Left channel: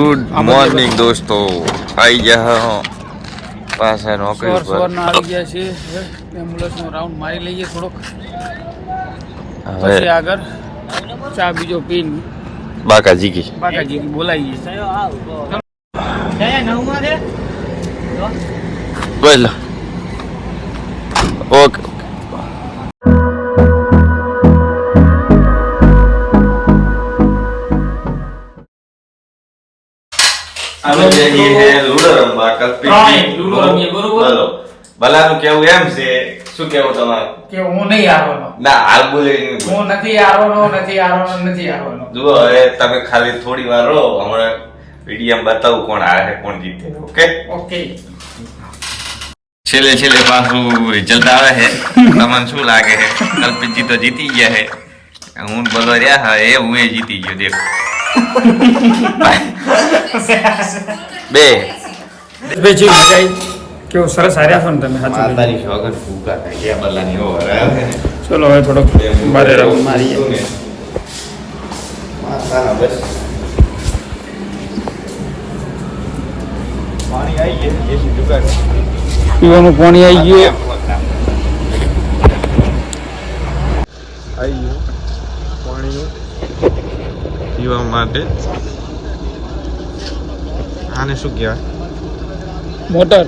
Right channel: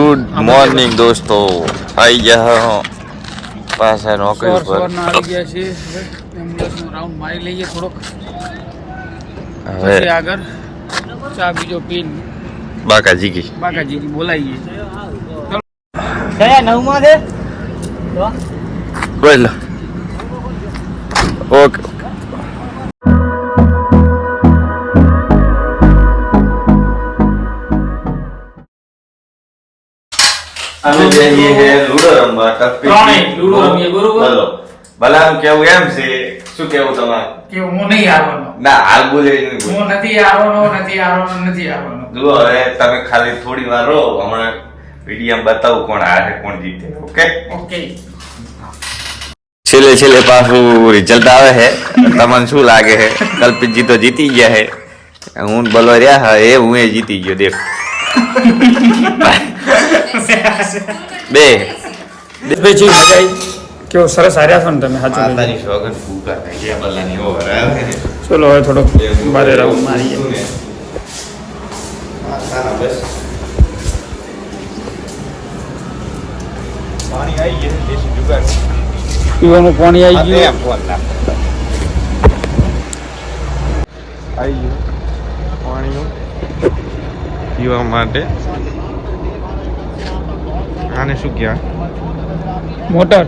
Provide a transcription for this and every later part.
Good morning દોસ્તો, આવી ગયા પાછા નોકરી પર. આવી ગયા છે. એમ્બ્યુલન્સનો રાઉન્ડ મારી લઈએ થોડોક, હવે પછી આગળ ચા બીજો પીન બાકાજી બોલાવીએ. બોલો. ઓકે. અમે જઈએ હે લૂડો રમવા લૂડો રમીએ, બરોબર. બોલો ભલાનું કેવું એમ છે, શું કેવું તમારું? કે હું નહીં આવવાનો, ના હાલ બોલે હું નથી આવવાનો. જુઓ હવે તમે ખાલી થોડી વાર રહો, હમણાં વિડીયો બતાવું કોણ હારે કોણ જીતે. ઓકે. છેલ્લે પાછું રિઝલ્ટ આવે છે. તમને શું લાગે છે? કલ્પિતજી તો જીતી ગયા છે, હું બોલો રહ્યા હા એ હું જીતી ગયો. દેખ બે કેવું સરસ હાર્યા છો ને તમે. માતાની સોગન ફૂકા થઈ ગયા બલ્લાની ઓવર આવે. ચલો હવે થોડોક બારે રાઉન્ડ મારીએ. પીવાનું પાણી આવી ગયું. પાણીનું પીવા માટે. આને શું કહેવાય? મોટર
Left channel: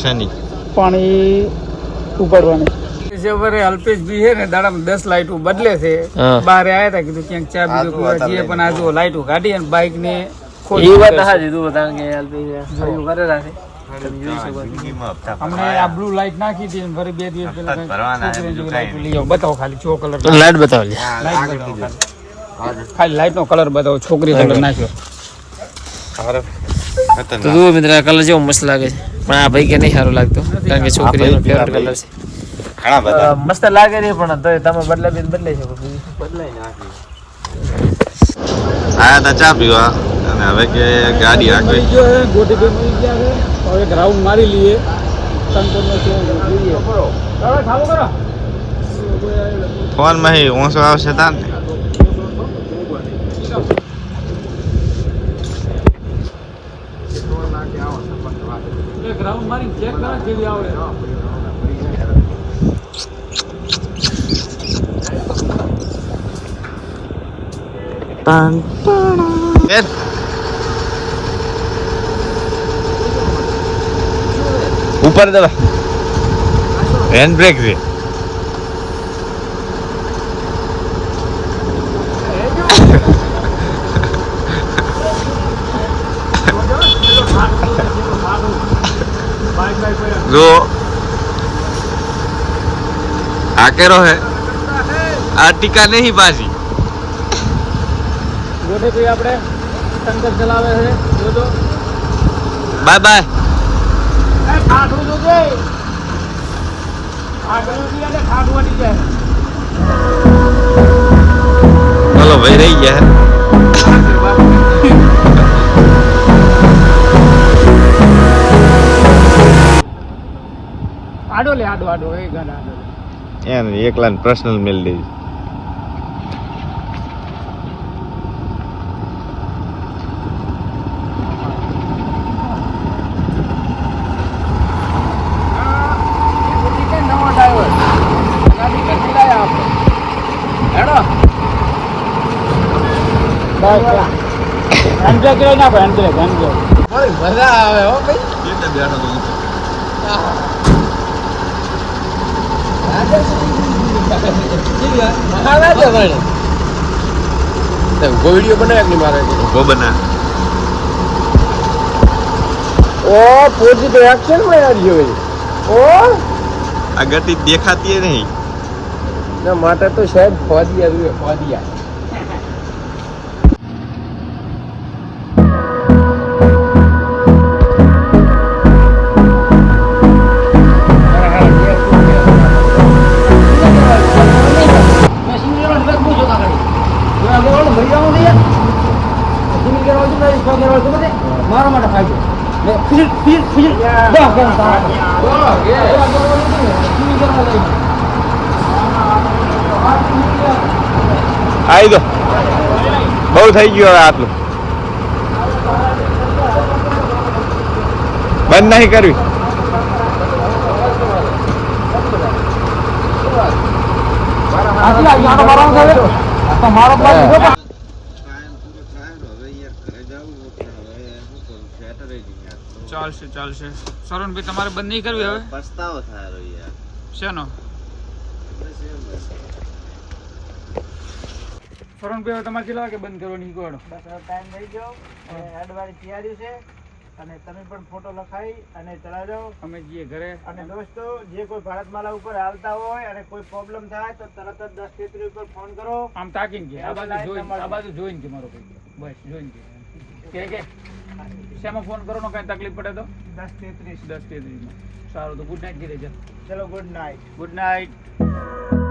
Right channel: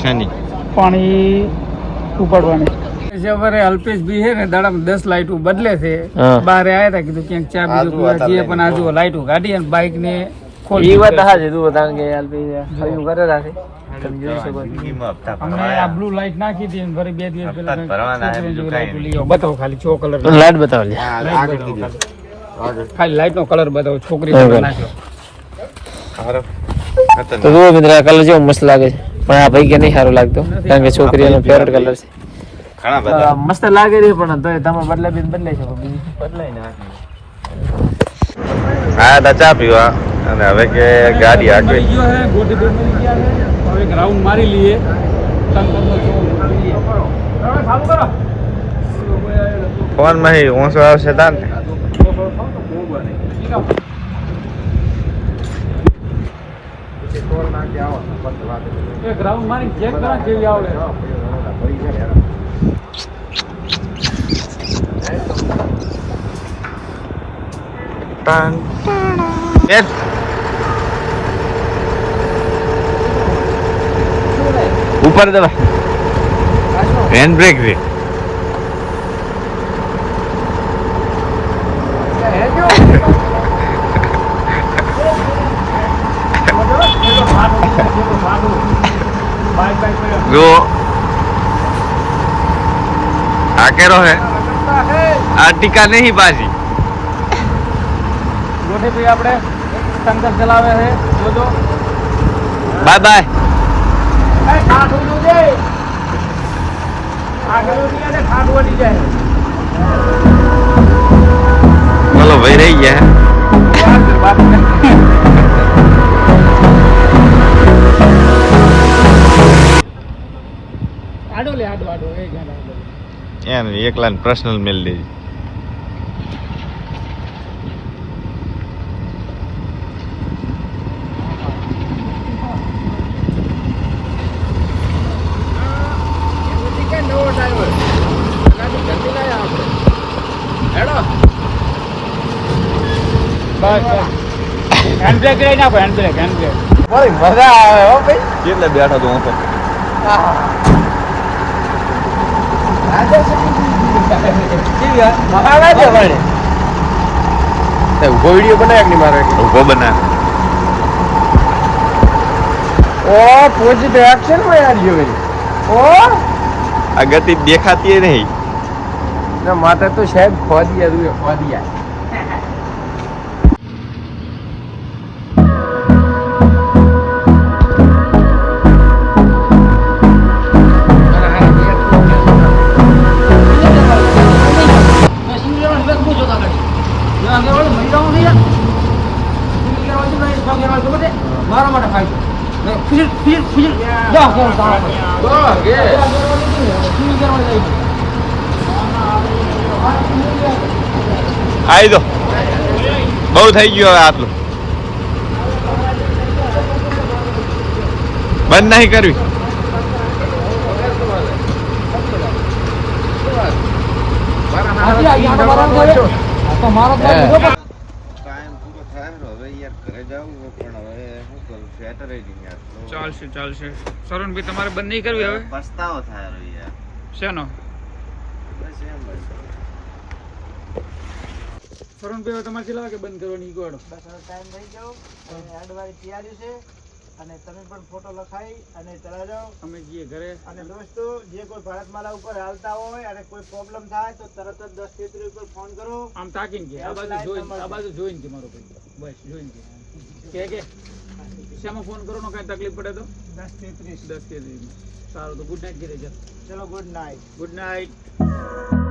શેની? પાણી ઉપાડવાની. અલ્પેશ ભી છે ને દાડામાં 10 લાઈટો બદલે છે. બારે આવ્યા હતા, કીધું ક્યાંક ચા બીજો પીવા જઈએ, પણ આ જો લાઈટો કાઢી અને બાઇક ને ખોટી વાત હાજે તું બતા કે અલ્પેશ ફરી કરે રાખે. તમે જોઈ શકો અમને આ બ્લુ લાઈટ નાખી હતી અને ફરી 2 દિવસ પહેલા બતાવો, ખાલી ચો કલર લાઈટ બતાવો લે. ખાલી લાઈટ નો કલર બતાવો, છોકરી કલર નાખ્યો. તો જુઓ મિત્ર, આ કલર જેવો મસ્ત લાગે છે, પણ આ ભાઈ કે નહીં સારો લાગતો, કારણ કે છોકરીઓનો ફેવરેટ કલર છે. મસ્ત લાગે છે, પણ તો તમે બદલાઈ શકો, બીજું બદલાઈ ના. આયા તા ચા પીવા અને હવે કે ગાડી આગળ મળી ગયો છે, ગોટી બે મળી ગયા છે. હવે એક રાઉન્ડ મારી લઈએ. સંતોષનો છે જોઈએ. ફોન માં ઓછો આવશે તાર ને. એક રાઉન્ડ મારી ચેક કરા કેવી આવડે. ઉપર દવા હેન્ડ બ્રેક રે. જો આ કેરો હે, આ ટીકા નહીં પાછી. આપણે સંદેશ ચલાવે છે, જોજો. Bye bye. બોલો ભાઈ રહી ગયા. આડો લે, આડો એ ગાડા આડો એને એકલા પર્સનલ મેલ દેજો. નવો ડ્રાઈવર ગાડી ઘરની લાયા આપણે. હેડો હેન્ડબ્રેક લઈ નાખો, હેન્ડબ્રેક. મજા આવે હો ભાઈ. કેટલે બેઠો તો હું તો વિડીયો બનાવ્યા મારે ઉભો બના. આ ગતિ દેખાતી નહીં. માતા તો શાયદ ખોદિયા. મારા માટે ખાઈ આવી દો, બહુ થઈ ગયું હવે આટલું. બંધ નહીં કરવી. ચાલશે ચાલશે. સરોનભાઈ તમારે બંધ નહીં કરવી હવે? પસ્તાવો થાય શેનો? સરોનભાઈ હવે તમારે કેટલા વાગે બંધ કરવાની ગોળો? બસ હવે ટાઈમ થઈ ગયો અને અડવારી તૈયારી છે અને તમે પણ ફોટો લખાઈ અને ચલા જાઓ. અમે જઈએ ઘરે. અને દોસ્તો જે કોઈ ભારતમાલા ઉપર હાલતા હોય અને કોઈ પ્રોબ્લેમ થાય તો તરત જ 1033 ઉપર ફોન કરો. આમ તાકીને કે આ બાજુ જોઈને કે મારો ભાઈ બસ જોઈને કે શેમાં ફોન કરો કઈ તકલીફ પડે તો 1033. 10:33 માં. સારું તો ગુડ નાઇટ કીધે. ચલો ગુડ નાઇટ. Good night.